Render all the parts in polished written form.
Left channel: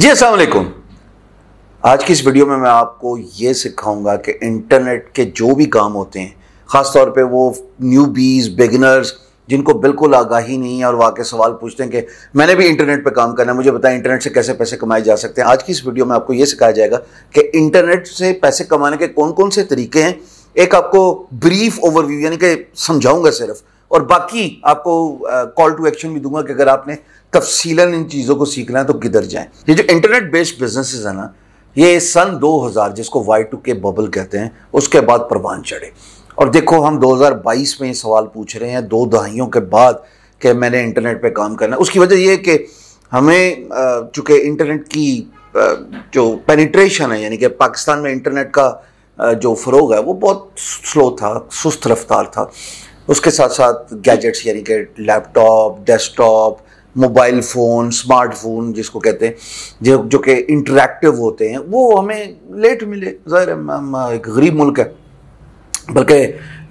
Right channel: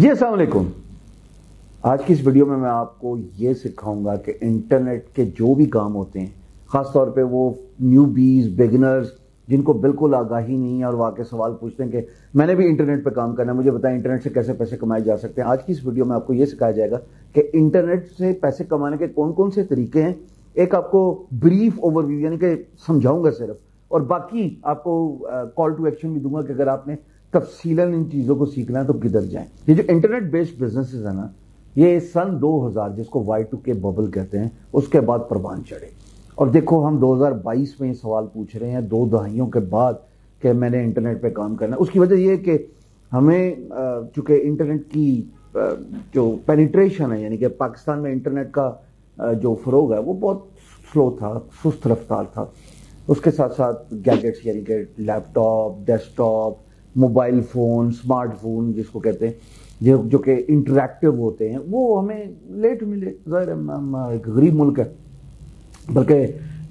जी अस्सलाम वालेकुम। आज की इस वीडियो में मैं आपको ये सिखाऊंगा कि इंटरनेट के जो भी काम होते हैं, ख़ास तौर पे वो न्यूबीज़, बिगिनर्स जिनको बिल्कुल आगाही नहीं है और वो आके सवाल पूछते हैं कि मैंने भी इंटरनेट पे काम करना है, मुझे बताएं इंटरनेट से कैसे पैसे कमाए जा सकते हैं। आज की इस वीडियो में आपको ये सिखाया जाएगा कि इंटरनेट से पैसे कमाने के कौन कौन से तरीके हैं। एक आपको ब्रीफ ओवरव्यू यानी कि समझाऊंगा सिर्फ, और बाकी आपको कॉल टू एक्शन भी दूंगा कि अगर आपने तफसीलन इन चीज़ों को सीखना है तो किधर जाएं। ये जो इंटरनेट बेस्ड बिजनेसेस है ना, ये सन 2000 जिसको Y2K बबल कहते हैं उसके बाद परवान चढ़े। और देखो हम 2022 में ये सवाल पूछ रहे हैं 2 दहाइयों के बाद कि मैंने इंटरनेट पे काम करना है। उसकी वजह ये है कि हमें चूँकि इंटरनेट की जो पेनिट्रेशन है, यानी कि पाकिस्तान में इंटरनेट का जो फ़रोग है वो बहुत स्लो था, सुस्त रफ्तार था। उसके साथ साथ गैजेट्स यानी कि laptop, desktop, mobile phone, smartphone जिसको कहते हैं, जो कि इंटरैक्टिव होते हैं, वो हमें लेट मिले। ज़ाहिर है हम एक गरीब मुल्क है, बल्कि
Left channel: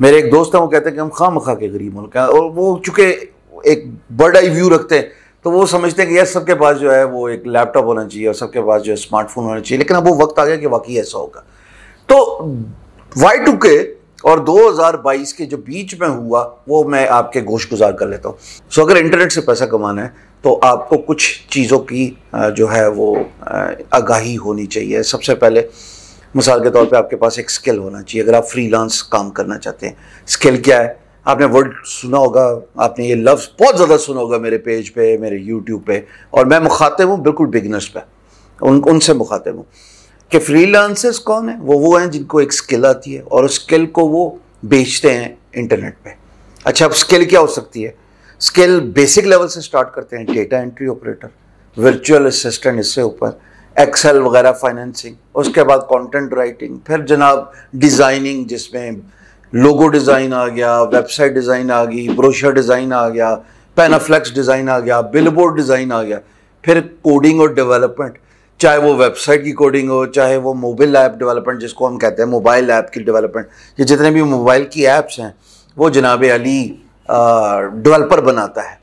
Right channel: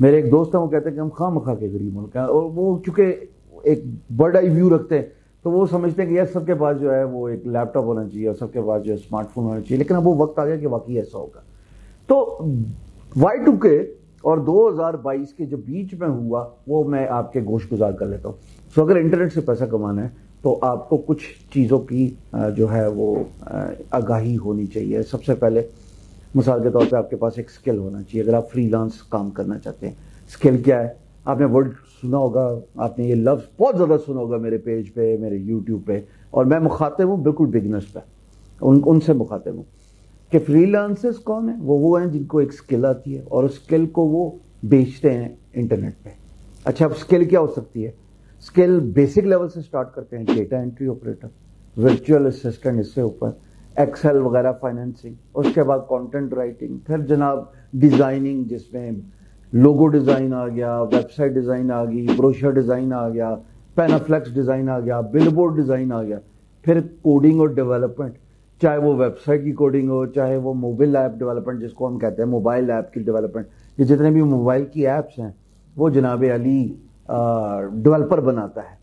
मेरे एक दोस्त हैं वो कहते हैं कि हम खामखा के गरीब मुल्क हैं। और वो चूँकि एक बर्ड आई व्यू रखते हैं तो वो समझते हैं कि यार सबके पास जो है वो एक लैपटॉप होना चाहिए और सबके पास जो है स्मार्टफोन होना चाहिए। लेकिन अब वो वक्त आ गया कि वाकई ऐसा होगा। तो Y2K और 2022 के जो बीच में हुआ वो मैं आपके गोश गुजार कर लेता हूँ। सो अगर इंटरनेट से पैसा कमाना है तो आपको कुछ चीज़ों की जो है वो आगाही होनी चाहिए। सबसे पहले मिसाल के तौर पे आपके पास एक स्किल होना चाहिए। अगर आप फ्रीलांस काम करना चाहते हैं, स्किल क्या है? आपने वर्ड सुना होगा, आपने ये लफ्ज़ बहुत ज़्यादा सुना होगा मेरे पेज पे, मेरे यूट्यूब पे, और मैं मुखातिब हूँ बिल्कुल बिगिनर्स पे, उनसे मुखातिब हूँ कि फ्रीलांसर्स कौन है? वो हैं जिनको एक स्किल आती है और उस स्किल को वो बेचते हैं इंटरनेट पे। अच्छा, अब स्किल क्या हो सकती है? स्किल बेसिक लेवल से स्टार्ट करते हैं, data entry operator, virtual assistant, इससे ऊपर एक्सेल वगैरह, फाइनेंसिंग, उसके बाद कंटेंट राइटिंग, फिर जनाब डिज़ाइनिंग जिसमें लोगो डिज़ाइन आ गया, वेबसाइट डिज़ाइन आ गई, ब्रोशर डिज़ाइन आ गया, पैनाफ्लेक्स डिज़ाइन आ गया, बिलबोर्ड डिज़ाइन आ गया, फिर कोडिंग और डेवलपमेंट, चाहे वो वेबसाइट की कोडिंग हो, चाहे वो मोबाइल ऐप डेवलपमेंट जिसको हम कहते हैं, मोबाइल ऐप की डेवलपमेंट। ये जितने भी मोबाइल की ऐप्स हैं वो जनाब अली डेवलपर बनाता है।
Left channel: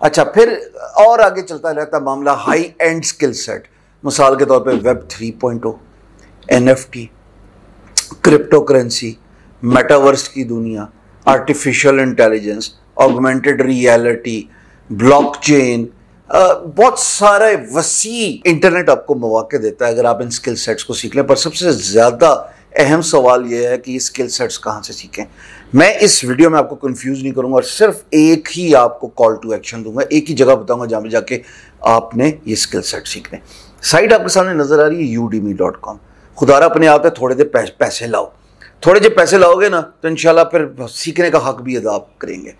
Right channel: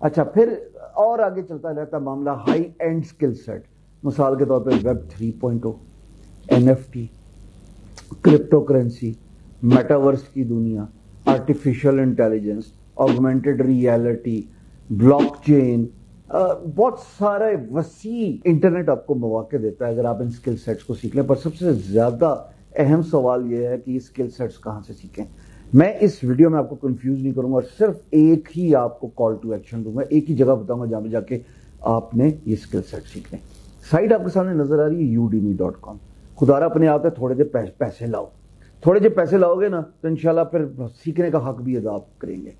अच्छा, फिर और आगे चलता रहता मामला हाई एंड स्किल सेट। मिसाल के तौर पे web 3.0, NFT, crypto currency, metaverse की दुनिया, artificial intelligence, augmented reality, blockchain, बहुत सारे वसी इंटरनेट आपको मौके देता है अगर आप इन स्किल सेट्स को सीख लें। पर सबसे ज़्यादा अहम सवाल यह है कि ये स्किल सेट्स कहाँ से सीखें। मैं इस वीडियो में आपको कंफ्यूज नहीं करूंगा और सिर्फ एक ही आपको कॉल टू एक्शन दूंगा, एक ही जगह बताऊंगा जहाँ पे जाके आपने ये स्किल सेट सीखने। साइट आपके सामने नजर आ रही है udemy.com। खुदारा अपने आप है, थोड़े देर पैसे लाओ। थोड़े जो पैसे लाओगे ना तो इंशाल्लाह फिर सीखने का हक भी अदा करेंगे।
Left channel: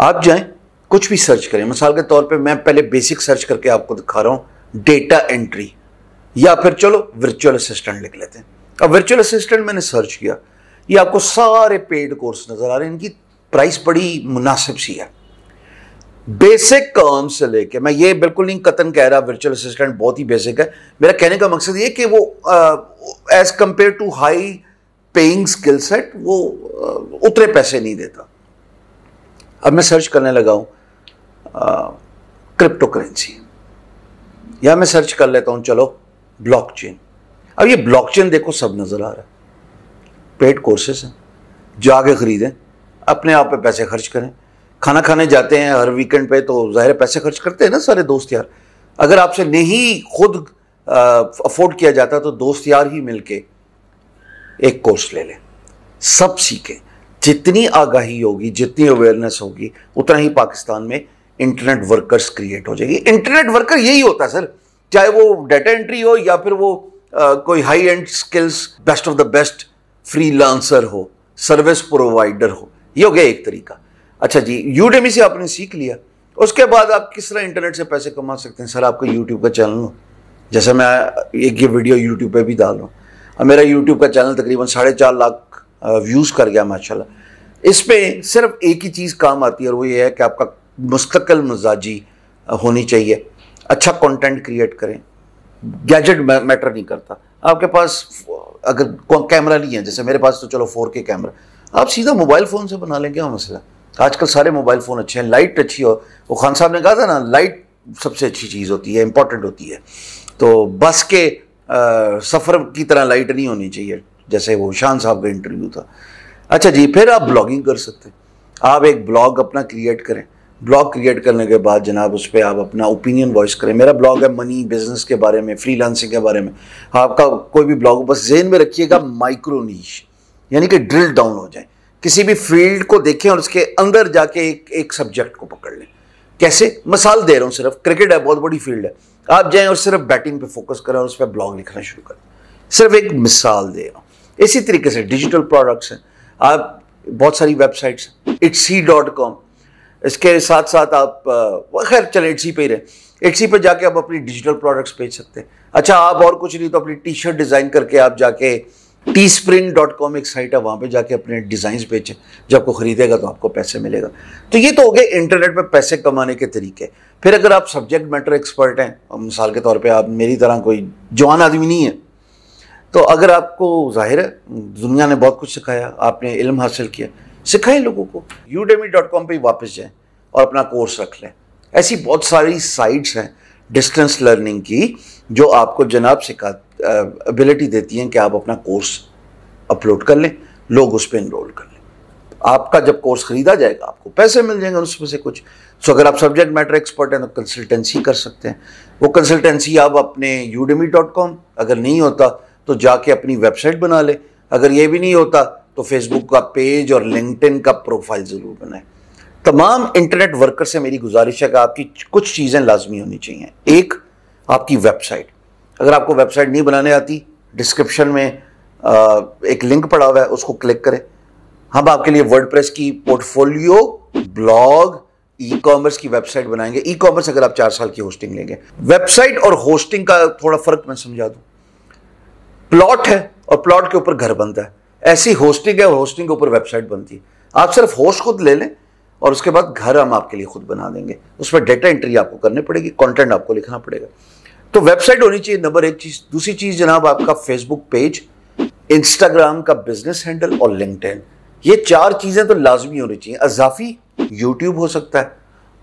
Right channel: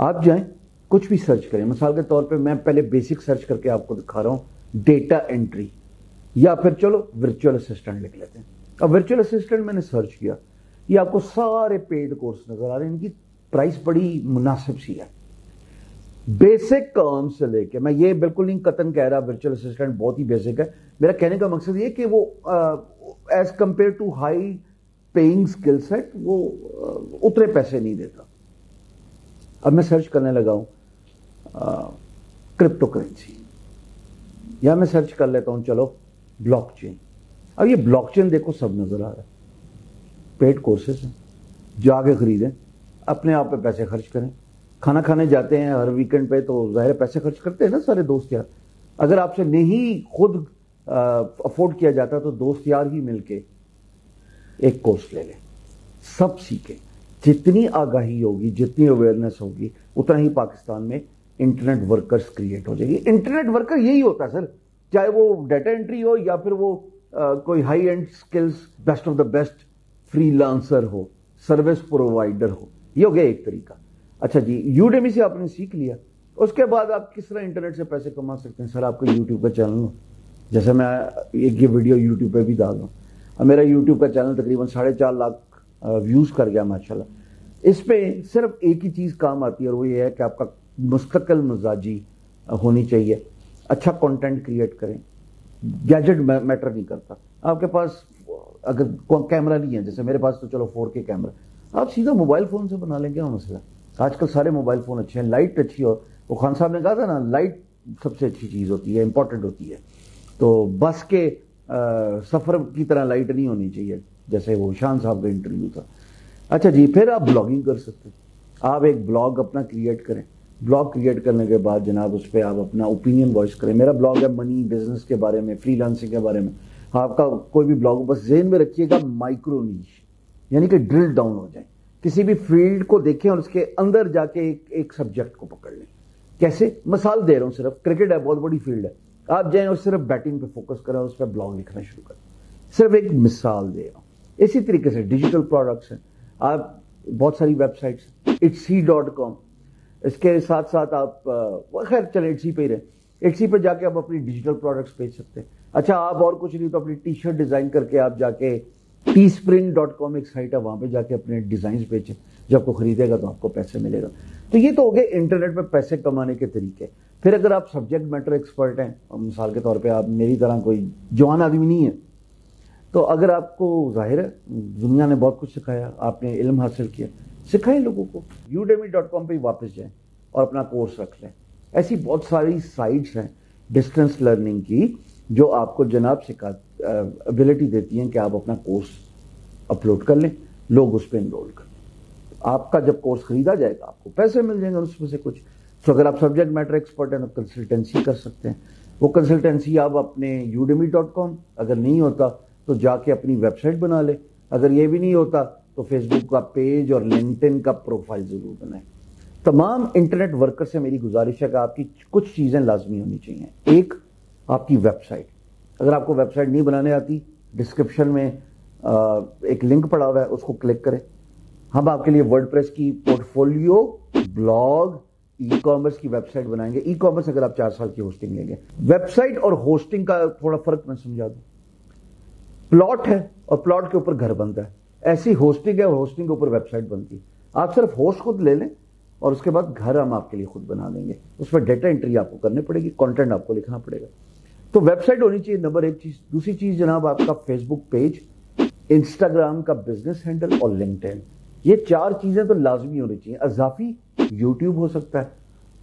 आप जाएं, कुछ भी सर्च करें। मिसाल के तौर पे मैं पहले बेसिक सर्च करके आपको दिखा रहा हूँ, डेटा एंट्री, या फिर चलो वर्चुअल असिस्टेंट लिख लेते हैं। अब वर्चुअल असिस्टेंट मैंने सर्च किया, ये आपको सारे पेड कोर्स नजर आ रहे हैं। इनकी प्राइस बड़ी मुनासिब सी है। बेसिक काम से लेके, मैं ये बिल्कुल नहीं कतन कह रहा वर्चुअल असिस्टेंट बहुत ही बेसिक है। मेरा कहने का मकसद ये कि वो as compare to high paying skill set वो उतने पैसे नहीं देता। अब मैं सर्च करने लगा हूं क्रिप्टो करेंसी, या मैं सर्च कर लेता हूं चलो ब्लॉकचेन। अब ये ब्लॉकचेन देखो सब नजर आ रहा है, पेड कोर्सेस हैं, जाके खरीदें, अपने आप पे पैसे खर्च करें। खाना खाने जाते हैं हर वीकेंड पे तो जाहिर पैसे खर्च करते हैं ना सारे दोस्त यार। अगर आपसे नहीं खुद अफोर्ड किया जाता तो दोस्त यार ही मिलके एक कोर्स ले लें, सब सीखें। जितनी आगाही होगी, जितनी अवेयरनेस होगी, उतना ही पाकिस्तान में इंटरनेट वर्कर्स क्रिएट हो जाएगी। इंटरनेट वर्कर यही होता है सर, चाहे वो डाटा एंट्री हो या फिर वो कोई high and skills, best of the best freelancer हो, सर्विस प्रोवाइडर हो। ये हो गया एक तरीका। अच्छा जी, यूडेमी से आपने सीख लिया, उसके बाद आप किस तरह इंटरनेट से पैसे कमा सकते हैं? सर आपका यूट्यूब का चैनल हो, जैसे मैं एक ये वीडियो यूट्यूब पे भी डाल रहा हूँ, और मेरा यूट्यूब का चैनल तकरीबन 4.5 लाख व्यूज़ कर गया माशाल्लाह। इसमें सिर्फ एक ही चीज़ काम आती है और वो ये है कि आपका मुस्तकिल मिजाजी होनी चाहिए, अच्छा कंटेंट क्रिएट करें। गैजेट मैटर नहीं करता। आपके पास अगर कैमरा नहीं है, जैसे मेरे पास तो चलो 4K कैमरा, आप सीधा मोबाइल फ़ोन से बना लें, क्या मसला। आजकल सारे मोबाइल फ़ोन अच्छे हैं, लाइट अच्छी हो। वो खान साहब ने कहा था ना, लाइट सबसे अच्छी चीज़ होती है, इंपॉर्टेंट होती है। तो बस के सफ़र की तरह लाइट नहीं होनी चाहिए, जैसे वो शान साहब का इंटरव्यू था। अच्छा जी, फिर आप ब्लॉगिंग कर सकते हैं। आप एक ब्लॉग अपना क्रिएट करें। ब्लॉग क्रिएट करने के बाद जनाब उस पर आप अपना ओपिनियन वॉइस करें। मेरा ब्लॉग है मनी बिजनेस के बारे में, फ्रीलांसिंग के बारे में। आपका कोई भी ब्लॉग बस ज़हन में रखिएगा माइक्रो नीश, यानी कि ड्रिल डाउन हो जाए, किसी भी फील्ड को देखें और उसके अंदर जाके एक सब्जेक्ट को पकड़ लें। कैसे? मिसाल दे रहा हूँ, सिर्फ क्रिकेट है, बहुत बड़ी फील्ड है, आप जाएं और सिर्फ बैटिंग पे फोकस करें और उस पर ब्लॉग लिखना शुरू करें। सिर्फ एक मिसाल दे रहा हूँ। इसी तरीके से डिजिटल प्रोडक्ट्स हैं, आप बहुत सारी वेबसाइट्स हैं, itsy.com, इसके साथ साथ आप खैर चले इट्सी पे ही रहे, इट्सी पे जाके आप अपनी डिजिटल प्रोडक्ट्स बेच सकते हैं। अच्छा, आप और कुछ नहीं तो अपनी टी शर्ट डिज़ाइन करके आप जाके teespring.com एक साइट है, वहाँ पे जाके अपने डिज़ाइंस बेचें, जब आपको ख़रीदेगा तो आपको पैसे मिलेगा। तो ये तो हो गए इंटरनेट पे पैसे कमाने के तरीके। फिर अगर आप सब्जेक्ट मैटर एक्सपर्ट हैं, मिसाल के तौर पे आप मेरी तरह कोई जवान आदमी नहीं है, तो अगर आपको जाहिर है दुनिया ने बहुत कुछ सिखाया, आपने इल्म हासिल किया, सिखाएं लोगों को। udemy.com पे ही वापस जाएं और अपना कोर्स रख लें। ऐसी बहुत सारी साइट्स हैं डिस्टेंस लर्निंग की जो आपको जनाब सिखा एबिलिटी देती हैं कि आप अपना कोर्स अपलोड कर लें, लोग उस पर इनरोल कर लें। आपका जब कोर्स खरीदा जाएगा आपको पैसे मिल जाएंगे उसमें से कुछ। सो अगर आप सब्जेक्ट मैटर एक्सपर्ट हैं तो कंसल्टेंसी कर सकते हैं। वो कंसल्टेंसी आप अपने udemy.com, अगर नहीं होता तो जाके अपनी वेबसाइट बना ले, अगर ये भी नहीं होता तो फेसबुक का पेज और लिंक्डइन का प्रोफाइल ज़रूर बनाएं। तमाम इंटरनेट वर्कर से मेरी गुजारिश है कि आपकी कुछ चीज़ें लाजमी होनी चाहिए। एक, आपकी वेबसाइट। अगर आपको वेबसाइट नहीं बनाने आती, डिस्क्रिप्शन में एक लिंक पड़ा हुआ है, उसको क्लिक करें। हम आपके लिए वर्डप्रेस की पोर्टफोलियो, ब्लॉग, ई कॉमर्स की वेबसाइट बनाएंगे। ई कॉमर्स अगर आप 4 साल की होस्टिंग लेंगे। वेबसाइट और होस्टिंग का थोड़ा फर्क मैं समझा दूं। प्लॉट है और प्लॉट के ऊपर घर बनता है, ऐसी होस्टिंग है और होस्टिंग के ऊपर वेबसाइट बनती है। आप सिर्फ होस्ट खुद ले लें और उसके बाद घर हम आपके लिए खुद बना देंगे। उसमें डेटा एंट्री आपको करनी पड़ेगी, कंटेंट आपको लिखना पड़ेगा। तो वेबसाइट होनी चाहिए नंबर 1 चीज। दूसरी चीज जनाब आपका फेसबुक पेज, इंस्टाग्राम का बिजनेस हैंडल और लिंक्डइन। ये 4 चीजें तो लाजमी होनी चाहिए। अजाफी यूट्यूब हो सकता है,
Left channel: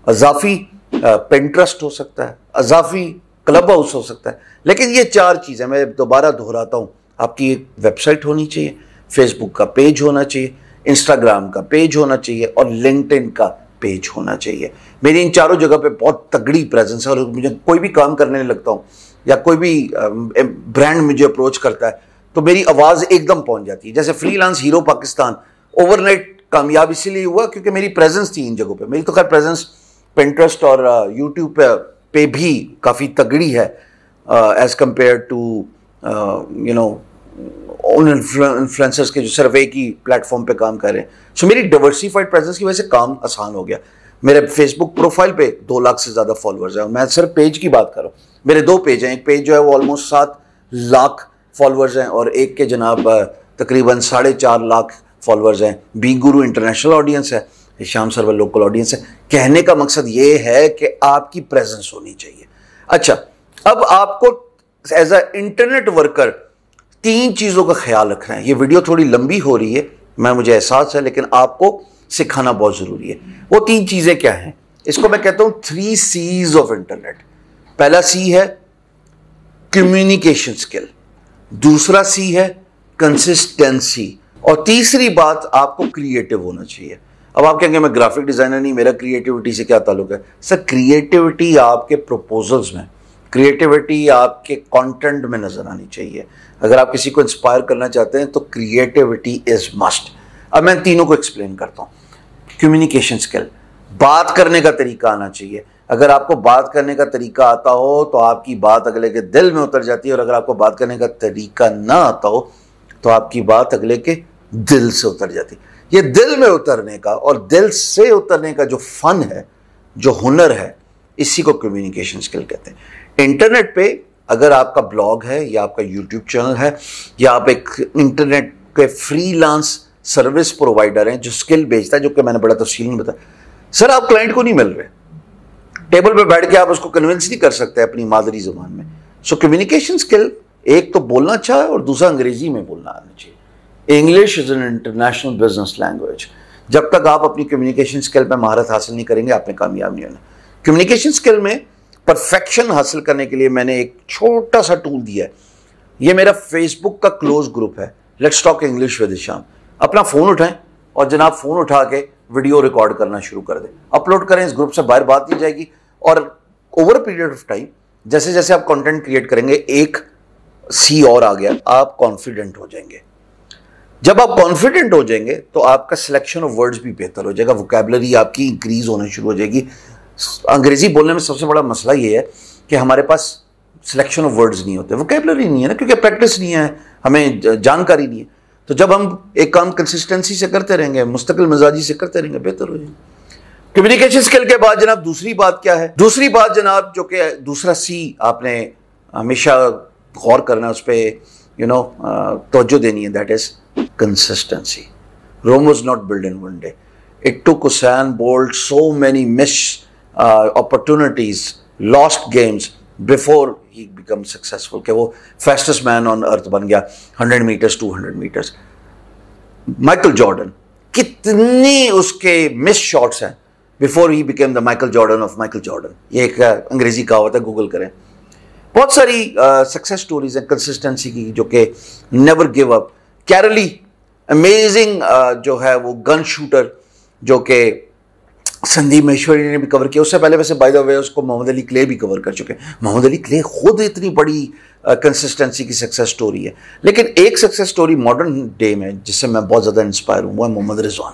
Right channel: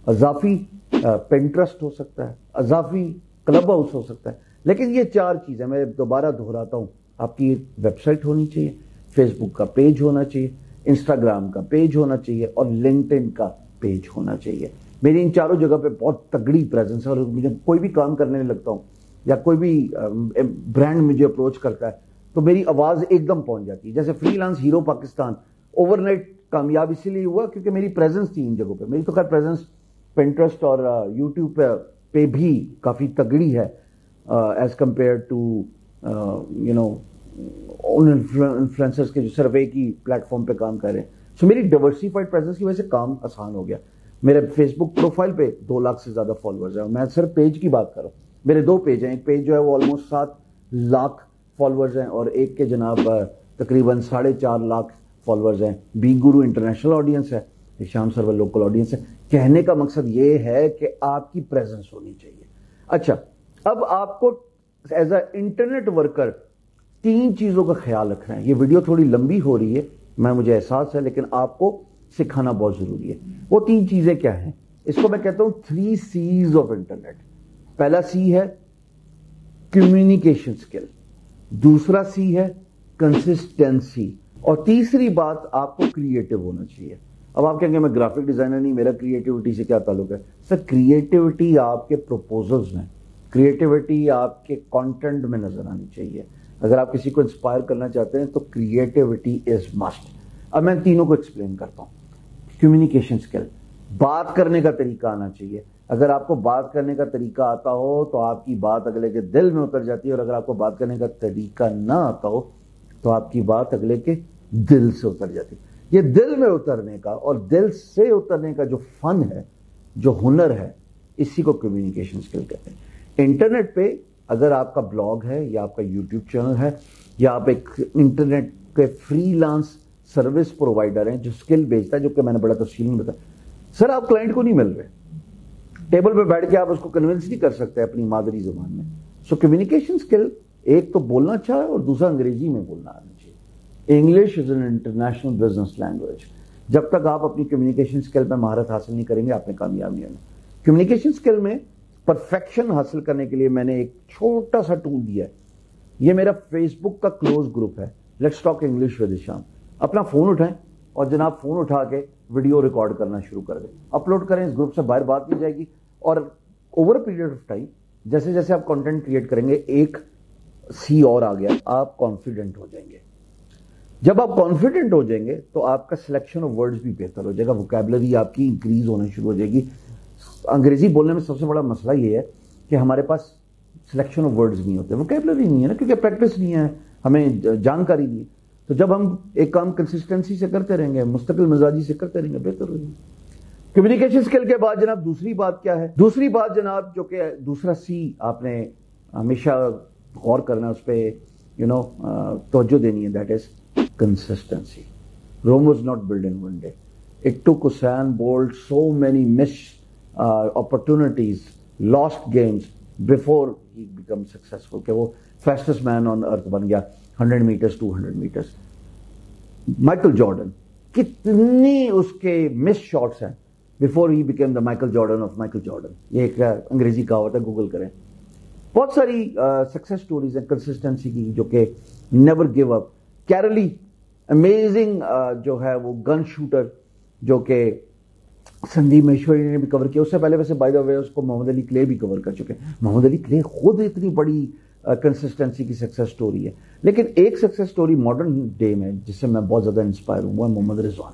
अजाफी पिंटरेस्ट हो सकता है, अजाफी क्लब हाउस हो सकता है, लेकिन ये 4 चीजें मैं दोबारा दोहराता हूं। आपकी एक वेबसाइट होनी चाहिए, फेसबुक का पेज होना चाहिए, इंस्टाग्राम का पेज होना चाहिए और लिंक्डइन का पेज होना चाहिए। मेरी इन चारों जगह पे बहुत तगड़ी प्रेजेंस है और मुझे कोई भी काम करने लगता हूँ या कोई भी ब्रांड मुझे अप्रोच करता है तो मेरी आवाज़ एकदम पहुंच जाती है। जैसे फ्रीलांस हीरो पाकिस्तान ओवरनाइट कामयाब इसीलिए हुआ क्योंकि मेरी प्रेजेंस थी इन जगहों पे। मेरी तो खैर प्रेजेंस पिंटरेस्ट और यूट्यूब पे भी काफ़ी तगड़ी है एज कम्पेयर टू उन इन्फ्लुएंसर्स के जो सिर्फ एक ही प्लेटफॉर्म पे काम कर रहे हैं। सो मेरी डाइवर्सिफाइड प्रेजेंस की वजह से काम आसान हो गया। मेरे फेसबुक प्रोफाइल पे 2 लाख से ज़्यादा फॉलोअर्स हैं और मैं सिर्फ पेज की बात कर रहा हूँ। मेरे 2 पेज हैं, एक पेज जो है वो ऑलमोस्ट 7 लाख फॉलोअर्स हैं और एक के जनाब तकरीबन 4.5 लाख फॉलोअर्स हैं। बी गुरु इंटरनेशनल ऑडियंस है, शाम सर्वर लोकल ऑडियंस है। कहने का मकसद ये है कि आपकी प्रेजेंस होनी चाहिए। अच्छा, अब आपको एज अ इंटरनेट वर्कर 3 चीज़ों का ख्याल रखना है। ये वीडियो थोड़ी लंबी हो रही है, मुझे एहसास है, लेकिन आपको सिखाना बहुत ज़रूरी है। वो 3 चीज़ें क्या हैं? इसको मैं कहता हूँ 3 C's ऑफ इंटरनेट। पहला सी है कम्युनिकेशन स्किल, दूसरा सी है कंसिस्टेंसी और तीसरी बात आपको क्रिएटिव होना चाहिए। अब आप कहेंगे मैं ग्राफिक डिज़ाइनर नहीं, मेरा क्रिएटिविटी से क्या ताल्लुक है? सर, क्रिएटिविटी आपके प्रपोजल्स में, क्रिएटिविटी आपके कंटेंट में नज़र आनी चाहिए। अगर आप किसी को इंस्पायर करना चाहते हैं तो क्रिएटिविटी इज़ मस्ट। अब मैं तीनों को एक्सप्लेन करता हूँ। कम्युनिकेशन स्किल, बात करने का तरीका आना चाहिए। अगर आपको बात करने का तरीका आता हो तो आपकी बात अगले के दिल में उतर जाती है और अगर आपको बात करने का तरीका ना आता हो तो आपकी बात अगले के दिल से उतर जाती है। ये दिल में उतरने का और दिल से उतरने का जो फन है, जो हुनर है, इसी को कम्युनिकेशन स्किल कहते हैं। इंटरनेट पे अगर आपका ब्लॉग है या आपका यूट्यूब चैनल है या आप एक इंटरनेट के फ्रीलांस सर्विस प्रोवाइडर हैं जो स्किल बेचता है, जो कि मैंने बड़ा तफसील में बताया, सर आप क्लाइंट को नहीं मिल रहे, टेबल पे बैठ के आप उसको कन्विंस नहीं कर सकते अपनी मादरी ज़बान में। सो कम्युनिकेशन स्किल, एक तो बोलना अच्छा है और दूसरा अंग्रेजी में बोलना आना चाहिए। English is an international business language. जब तक आप अपनी कम्युनिकेशन स्किल पर महारत हासिल नहीं करेंगे आपने कामयाब नहीं होना। कम्युनिकेशन स्किल में परफेक्शन हासिल करने के लिए मैंने एक छोटा सा टूल दिया है। ये मेरा फेसबुक का क्लोज ग्रुप है, let's talk English with Hisham. अपना फ़ोन उठाएं और जनाब फ़ोन उठा के वीडियो रिकॉर्ड करना शुरू कर दें, अपलोड करें। इस ग्रुप से बाहर बात नहीं जाएगी और ओवर पीरियड ऑफ टाइम जैसे जैसे आप कंटेंट क्रिएट करेंगे, एक सी और आ गया, आप कॉन्फिडेंट हो जाएंगे। जब आप कॉन्फिडेंट हो जाएंगे तो आपका सिलेक्शन ऑफ वर्ड्स भी बेहतर हो जाएगा, वोकैबुलरी आपकी इंक्रीज होना शुरू हो जाएगी। अंग्रेजी बोलने में सबसे बड़ा मसला ये है कि हमारे पास सिलेक्शन ऑफ वर्ड्स नहीं होते, वोकैबुलरी नहीं है ना, क्योंकि प्रैक्टिस नहीं है, हमें जानकारी नहीं है। तो जब हम एक काम कंसिस्टेंसी से करते रहेंगे, मुस्तकिल मिजाजी से करते रहेंगे, बेहतर हो जाएगा। कम्युनिकेशन स्किल के बाद जनाब दूसरी बात क्या है? दूसरी बात जनाब, जो कि दूसरा सी आपने हमेशा गौर करना है, उस पर तवज्जो देनी है, that is consistency. Rome was not built in one day. It took Usain Bolt so many missed opportunities, lost games before he became successful. कि वो fastest man on earth बन गया 100 meters, 200 meters. Michael Jordan, कितनी उसके miss shots हैं before he became the Michael Jordan of Michael Jordan. ये एक अंग्रेजी कहावत है, गूगल करें। बहुत सारी सक्सेस स्टोरीज हैं कंसिस्टेंसी की, जो कि never give up. Kairali amazing जो है वो गन शूटर, जो कि संदीप महेश्वरी ने भी कवर किया। उससे पहले वैसे बाय द वे उसको मोहम्मद अली क्ले भी कवर कर चुके हैं। मोहम्मद अली क्ले खुद इतनी बड़ी कंसिस्टेंसी की सक्सेस स्टोरी है। लेकिन एक सक्सेस स्टोरी मॉडर्न डे में जिससे मैं बहुत ज़्यादा इंस्पायर हूँ, वो है Mohammad Rizwan,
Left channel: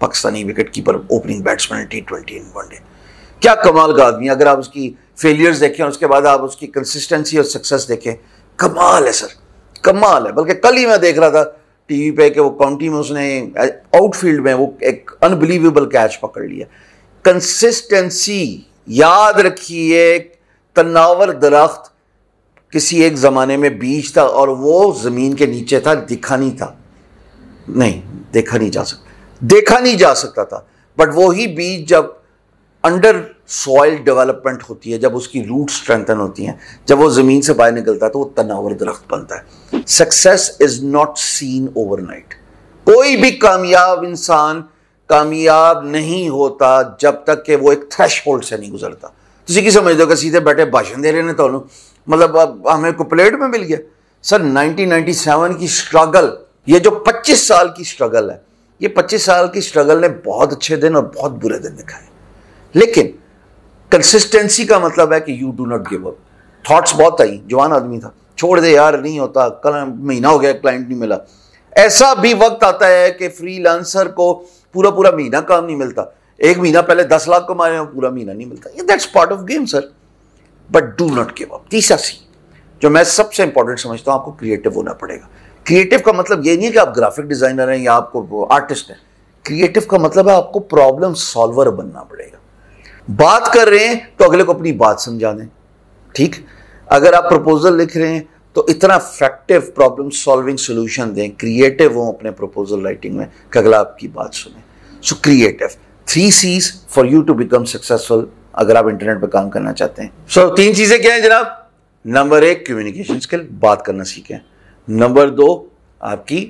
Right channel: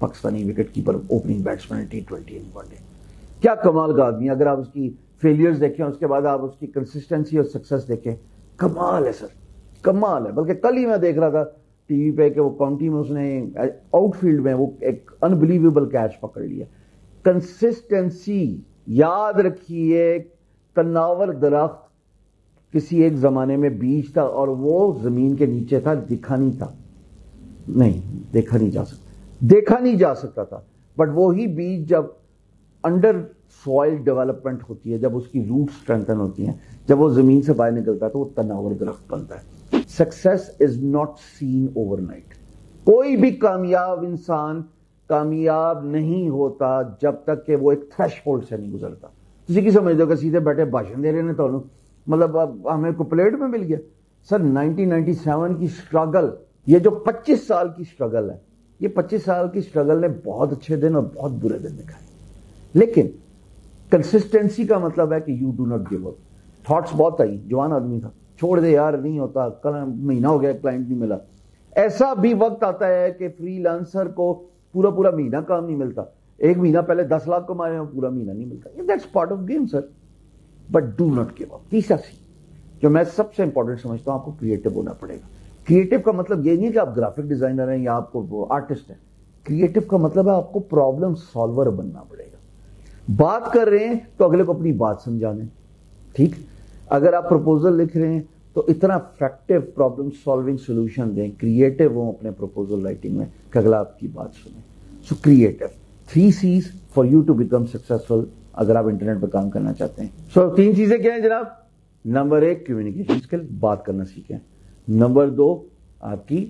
Pakistani wicket keeper, opening batsman, T20 in one day. क्या कमाल का आदमी। अगर आप उसकी फेलियर्स देखें और उसके बाद आप उसकी कंसिस्टेंसी और सक्सेस देखें, कमाल है सर, कमाल है। बल्कि कल ही मैं देख रहा था टीवी पे कि वो काउंटी में उसने आउटफील्ड में वो एक अनबिलीवेबल कैच पकड़ लिया। कंसिस्टेंसी, याद रखिए, तनावर दरख्त किसी एक ज़माने में बीज था और वो ज़मीन के नीचे था, देखा नहीं जा सकता था। बट वही बीज जब अंडर सॉइल डेवलपमेंट होती है, जब उसकी रूट स्ट्रेंथन होती हैं, जब वो ज़मीन से बाहर निकलता है, तो वो तनावर दरख्त बनता है। Success is not seen overnight. कोई भी कामयाब इंसान कामयाब नहीं होता जब तक कि वो एक थ्रेशहोल्ड से नहीं गुजरता। तुसी की समझ दो कि सीधे बैठे भाषण दे रहे हैं तो मतलब अब हमें को प्लेट में मिल गया। सर 1997 की स्ट्रगल, ये जो 25 साल की स्ट्रगल है, ये 25 साल की स्ट्रगल ने बहुत अच्छे दिन और बहुत बुरे दिन दिखाए। लेकिन कंसिस्टेंसी का मतलब है कि you do not give up. Thoughts बहुत आई, जवान आदमी था, छोड़ दे यार, नहीं होता, कल महीना हो गया क्लाइंट नहीं मिला। ऐसा भी वक्त आता है कि फ्रीलांसर को पूरा पूरा महीना काम नहीं मिलता। एक महीना पहले 10 लाख कमा रहे हैं, पूरा महीना नहीं मिलता। That's part of game sir, but do not give up. तीसरा सी जो मैं सबसे इंपॉर्टेंट समझता हूं, आपको क्रिएटिव होना पड़ेगा। क्रिएटिव का मतलब ये नहीं है कि आप ग्राफिक डिजाइनर हैं या आपको आर्टिस्ट हैं। क्रिएटिव का मतलब है आपको प्रॉब्लम सॉल्वर बनना पड़ेगा। बात कर रहे हैं तो अगले को अपनी बात समझा दें, ठीक। अगर आप प्रपोजल लिख रहे हैं तो इतना इफेक्टिव प्रॉब्लम सॉल्विंग सोल्यूशन दें, क्रिएटिव हो अपने प्रपोजल राइटिंग में कि अगला आपकी बात सुने। So creative, 3 C's for you to become successful अगर आप इंटरनेट पर काम करना चाहते हैं। सो 3 चीजें क्या हैं जनाब? नंबर 1 कम्युनिकेशन स्किल, बात करना सीखें। नंबर 2 आपकी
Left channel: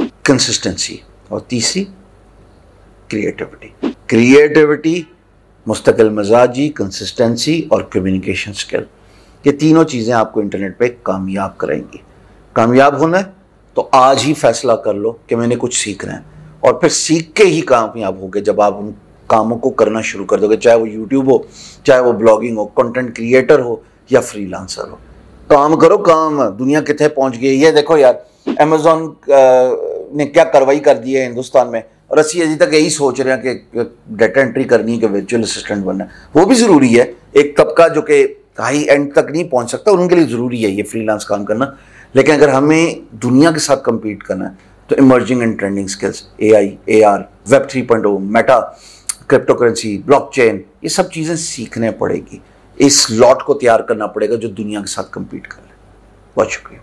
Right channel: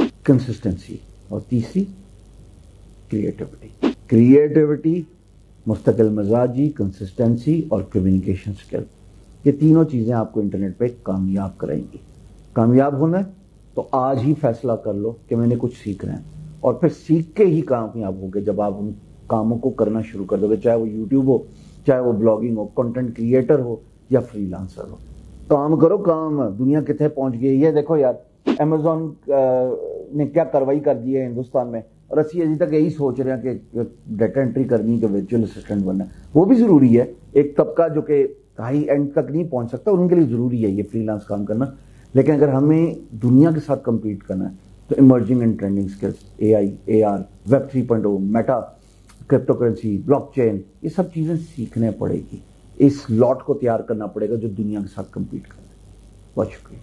कंसिस्टेंसी, और तीसरी क्रिएटिविटी, मुस्तकिल मिजाजी, कंसिस्टेंसी और कम्युनिकेशन स्किल। ये तीनों चीज़ें आपको इंटरनेट पे कामयाब कराएंगी। कामयाब होना है तो आज ही फैसला कर लो कि मैंने कुछ सीखना है, और फिर सीख के ही कामयाब होगे जब आप उन कामों को करना शुरू कर दोगे, चाहे वो यूट्यूब हो, चाहे वो ब्लॉगिंग हो, कंटेंट क्रिएटर हो या फ्रीलांसर हो। काम करो, काम। दुनिया कितने पहुंच गई ये देखो यार, अमेजोन ने क्या कार्रवाई कर दी है हिंदुस्तान में, और असी अभी तक यही सोच रहे हैं कि डाटा एंट्री करनी है, कि वर्चुअल असिस्टेंट बनना है। वो भी ज़रूरी है, एक तबका जो कि हाई एंड तक नहीं पहुंच सकता, उनके लिए ज़रूरी है ये फ्रीलांस काम करना। लेकिन अगर हमें दुनिया के साथ कम्पीट करना है तो emerging and trending skills, AI, AR, web 3.0, Meta, crypto currency, blockchain, ये सब चीज़ें सीखने पड़ेगी। इस लॉट को तैयार करना पड़ेगा जो दुनिया के साथ कम्पीट कर रहे हैं। बहुत शुक्रिया।